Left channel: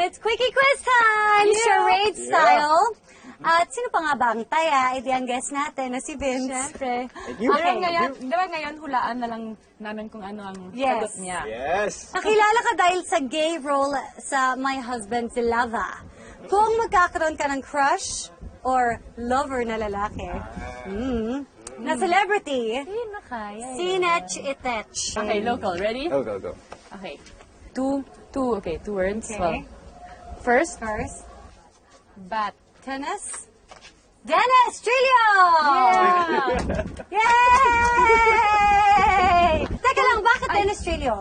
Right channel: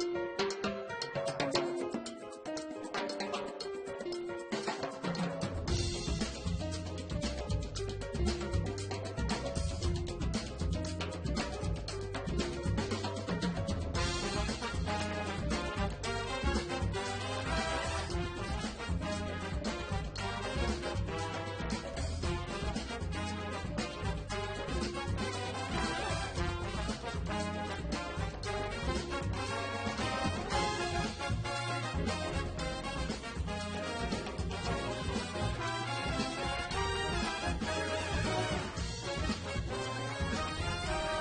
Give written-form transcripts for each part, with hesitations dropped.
it's Quickie Quiz time! Charade style. At sino pa nga ba ang taya? Edi ang guest natin na si Vince. Siyempre. Okay. Ngayon, hulaan na lang namin kung ano ang sagot niya. Yes. Nakilala ka dahil sa gay role sa My Husband si Lava. Kung magkakaroon ka ng crush or lover na lalaki, na celebrity, Sinech Itech. Okay, local. Ready? Go, go, go. Okay. Two words. Okay. Well, first, bat. Dennis Trillo! Yay! Teka lang, bakit Dennis Trillo?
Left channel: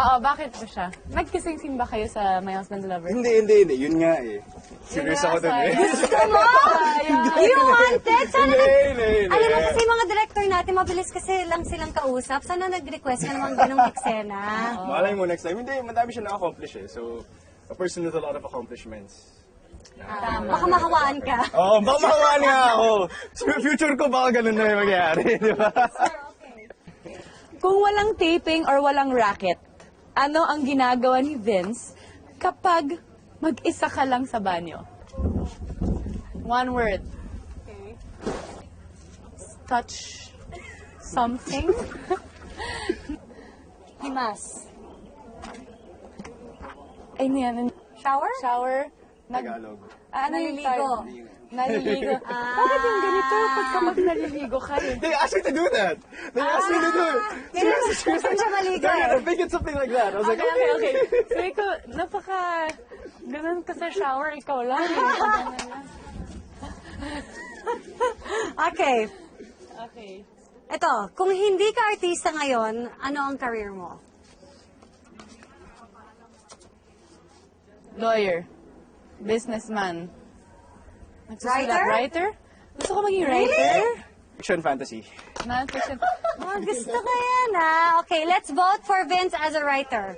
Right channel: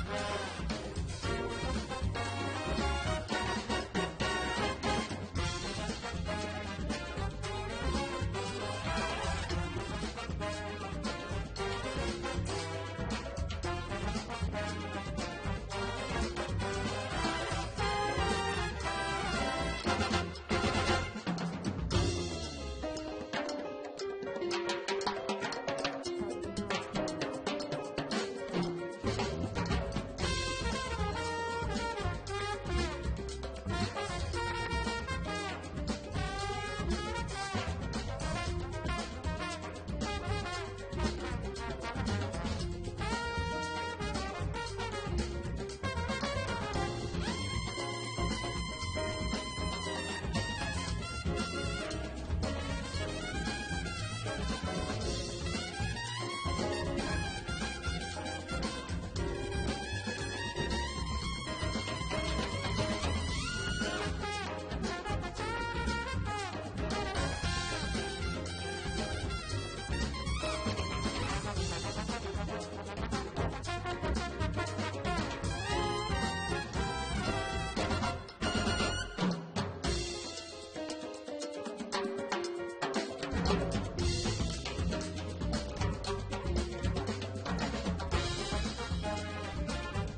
Oo, bakit po siya? Nag-kissing ba kayo sa My Husband Lover? Hindi. Yun nga eh. Serious ako dun eh. Gusto mo? You wanted? Sana Hindi. Alam mo kasi mga director natin, mabilis kasi lang silang kausap. Sana nag-request ka naman ganong eksena. Malay mo next time. Hindi, madami siya na-accomplish eh. So, of course, there's a lot of accomplishments. Baka mahawaan ka. Oo, baka makawaan nga ako. Future ko baka ganun na yung mangyari, di ba? Kung walang taping or walang racket, ano ang ginagawa ni Vince kapag mag-isa ka lang sa banyo? One word. Touch something. Imas. Ano yan? Shower? Shower? Naliligo. Naliligo. Bakit yung ganito? Pagka naliligo ka rin. They asked me to do that. They asked me to do it. Gusto siya maligo They're eh. gonna think it's something like that. I was like, okay. Sabi ko, ganun ka sa shower, ikaw lang. Okay. Ito, kung hindi ka artista ngayon, ano ang career mo? Lawyer. Businessman. Writer? Writer? Gusto ko maging writer? Action fantasy. Oh, gusto ko yan ah. Okay, let's vote for Vince as a writer.